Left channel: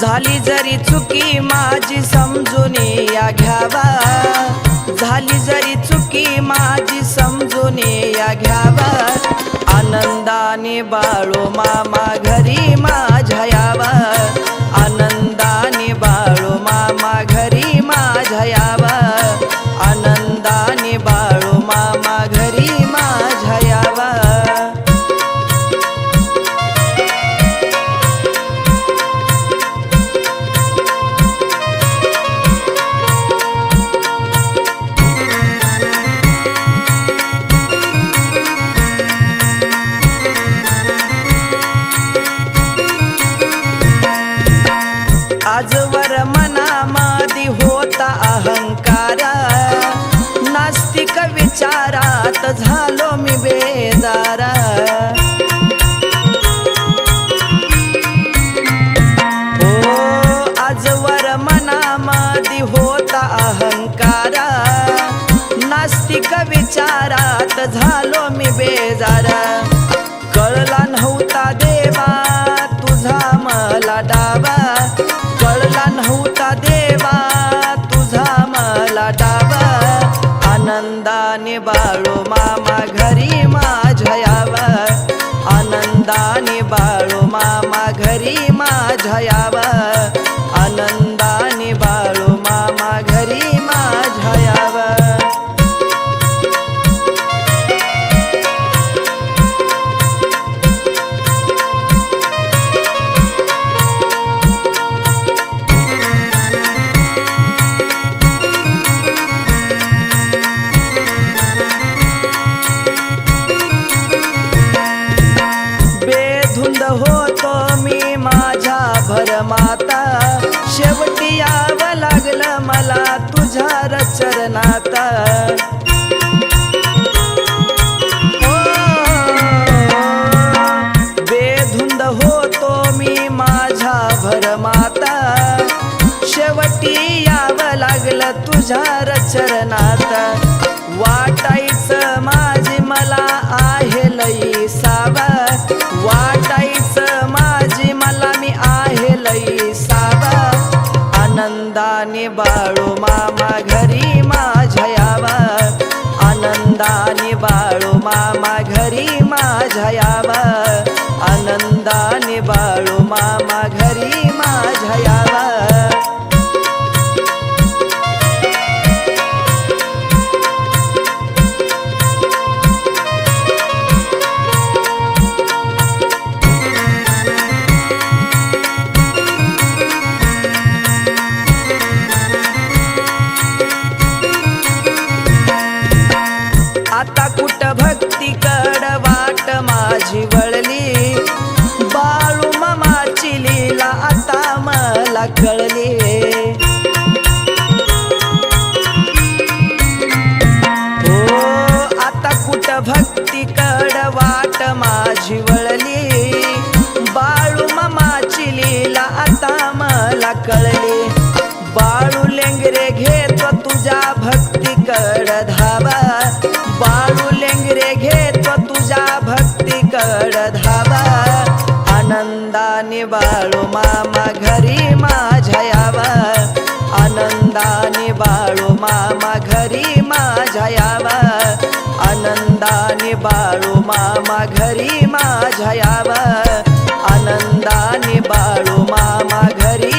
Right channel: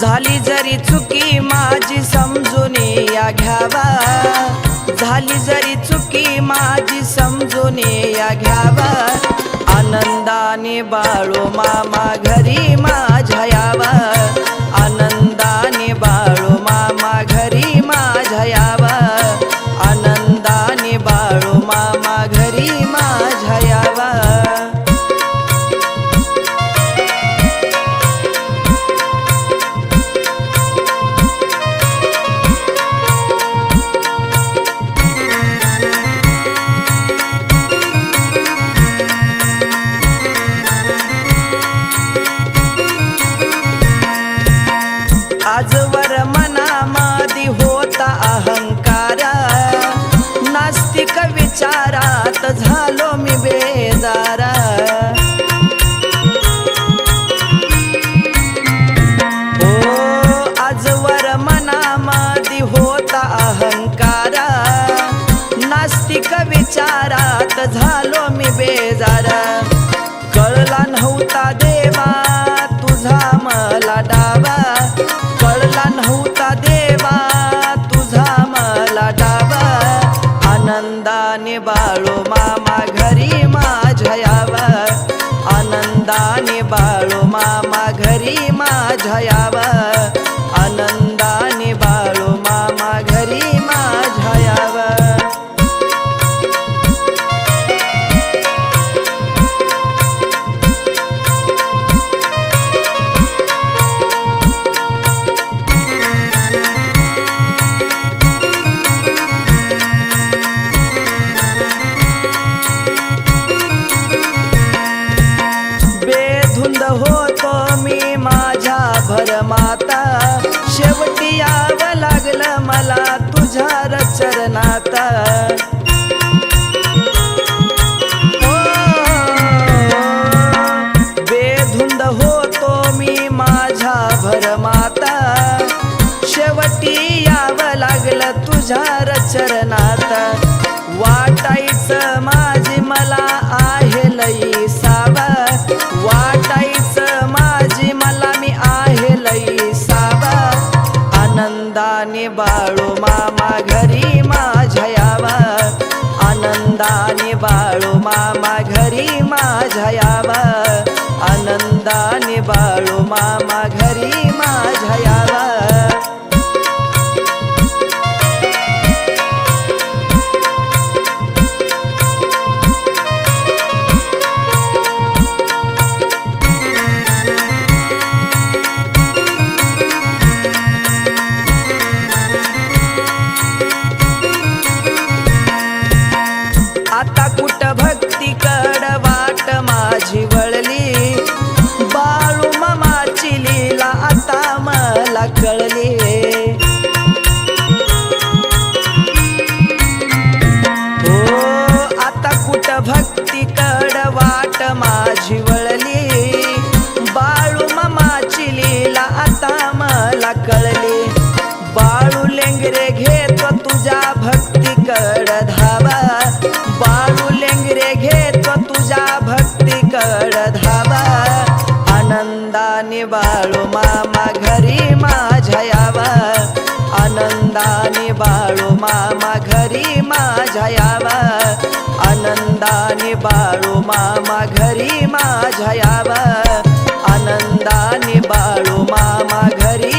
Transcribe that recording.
झाली जरी चुकी माझी समजून या घ्यावा. झाली जरी चुकी माझी समजून या घ्यावा आनंदाने बाळू मामा घरी माझ्या यावा आनंदाने बाळू मामा घरी माझ्या यावा आनंदाने बाळू मामा घरी माझ्या यावा आजवर मनामादी होता अहंकार. नास्तिक विचारात झालो मी बेजारा. हो आजवर मनामादी होता अहंकार. नास्तिक विचारात झालो मी बेजारा. मला डावा आनंदाने बाळू मामा घरी माझ्या यावा. आनंदाने बाळू मामा घरी माझ्या यावा. आनंदाने बाळू शेवटी यावं लागलं मला तुझ्या रचरणात. हो. बेधुंद होतो मी माझ्या भरमाता. शेवटी यावं लागलं तुझ्या रचरणात. वाटायचं माझी मला आहे लई साव वाटायचं माझी मला आनंदाने बाळू मामा घरी माझ्या यावा आनंदाने बाळू मामा घरी माझ्या यावा आनंदाने बाळू मामा घरी माझ्या यावा कळली हो आता कुठ भक्तीकड वाट माझी वळली? बाळू मामाची लीला आता मला कळली. बाळू लेंगरे घेतो तुझ्या भक्तीकड धावा. बाळू लेंगरे घेतो तुझ्या भक्तीकड धावा. आनंदाने बाळू मामा घरी माझ्या यावा आनंदाने बाळू मामा घरी माझ्या यावा आनंदाने बाळू मामा घरी माझ्या यावा आनंदाने बाळू मामा घरी